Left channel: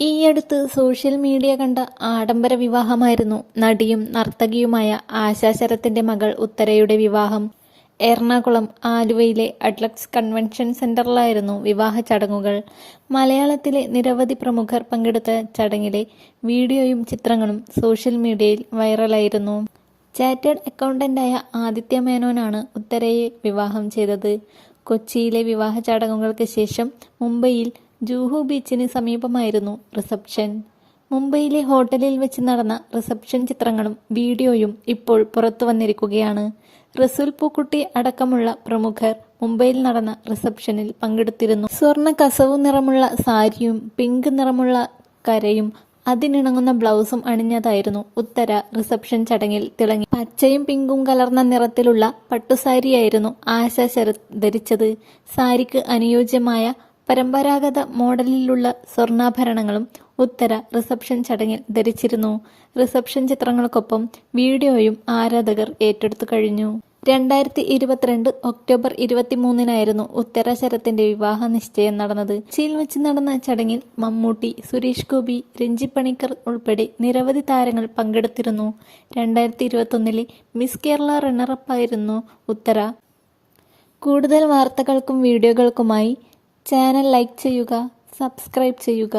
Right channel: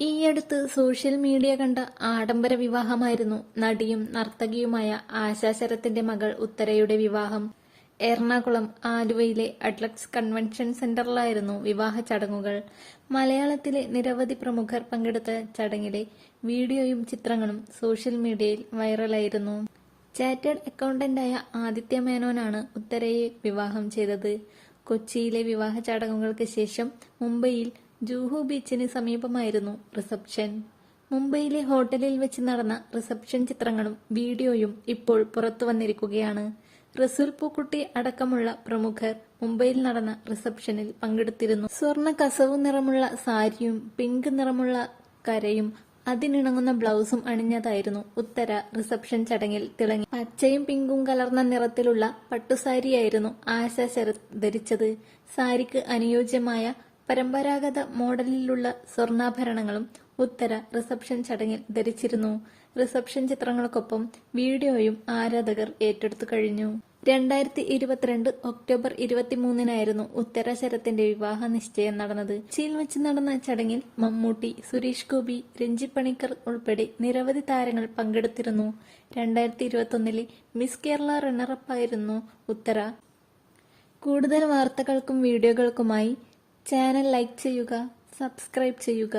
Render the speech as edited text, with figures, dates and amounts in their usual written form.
ഈയടുത്ത് social media കണ്ട ആഡംബര വിവാഹമായിരുന്നു നടിയും നർത്തകിയുമായ ആശാ ശരത്തിന്റെ മകൾ ഉത്തരയുടെ വിവാഹം. എറണാകുളം ആലുവയിലെ അഡ്ലക്സ് കൺവെൻഷൻ സെന്ററിലായിരുന്നു വിവാഹ ചടങ്ങുകൾ. മലയാളത്തിലെ നിരവധി പ്രമുഖർ പങ്കെടുത്ത ചടങ്ങിലെ വീഡിയോയും ചിത്രങ്ങളും സോഷ്യൽ മീഡിയയിൽ വൈറലായിരുന്നു. ചാർട്ടേഡ് അക്കൗണ്ടന്റായ ആദിത്യ മേനോനാണ് ഉത്തരയെ വിവാഹം ചെയ്തത്. കൊച്ചിയിലെ വിവാഹ ചടങ്ങുകൾക്ക് ശേഷം മുംബൈയിൽ ജൂഹു ബീച്ചിന് സമീപമായിരുന്നു റിസപ്ഷൻ. മുംബൈയിലെ ഹോട്ടലിൽ വെച്ച് നടന്ന റിസപ്ഷൻ ചിത്രങ്ങളും വീഡിയോയും ഇപ്പോൾ പുറത്തു വന്നിരിക്കുകയാണ്. റസൂൽ പൂക്കുട്ടി അടക്കമുള്ള പ്രമുഖർ മുംബൈയിൽ നടന്ന റിസപ്ഷനിൽ പങ്കെടുത്തിരുന്നു. സ്വർണ്ണ കസവു നിറമുള്ള സാരിയും പിങ്ക് നിറമുള്ള കരയും അതിനിണങ്ങുന്ന ബ്ലൗസും അണിഞ്ഞതായിരുന്നു ഉത്തര റിസപ്ഷൻ ചടങ്ങിൽ തിളങ്ങി. പച്ചയും പിങ്കും കലർന്ന നിറത്തിലുള്ള പട്ടുസാരിയായിരുന്നു ആശാ ശരത് ധരിച്ചത്. സാരിക്ക് അനുയോജ്യമായ പരമ്പരാഗത മോഡലിലുള്ള സ്വർണ്ണാഭരണങ്ങളും ഉത്തര റിസപ്ഷൻ ചടങ്ങിൽ ധരിച്ചിരുന്നു. റിസപ്ഷൻ ചിത്രങ്ങൾക്കൊപ്പം വീഡിയോയും ആരാധകർ ഏറ്റെടുത്തു കഴിഞ്ഞു. 2022 ഒക്ടോബർ 23 ഉത്തര ശരത്തിന്റെ വിവാഹ നിശ്ചയം നടന്നത്. കൊച്ചിയിൽ വെച്ച് നടന്ന ചടങ്ങിൽ മമ്മൂട്ടി, സുരേഷ് ഗോപി, രഞ്ജി പണിക്കർ ഉൾപ്പെടെ നിരവധി താരങ്ങൾ പങ്കെടുത്തിരുന്നു. 2021 മിസ് കേരള റണ്ണറപ്പായിരുന്നു ഉത്തര. കൂടുതൽ വാർത്തകൾക്കും വീഡിയോകൾക്കുമായി ചാനൽ ലൈക്ക് ചെയ്യുക, സബ്സ്ക്രൈബ് ചെയ്യുക.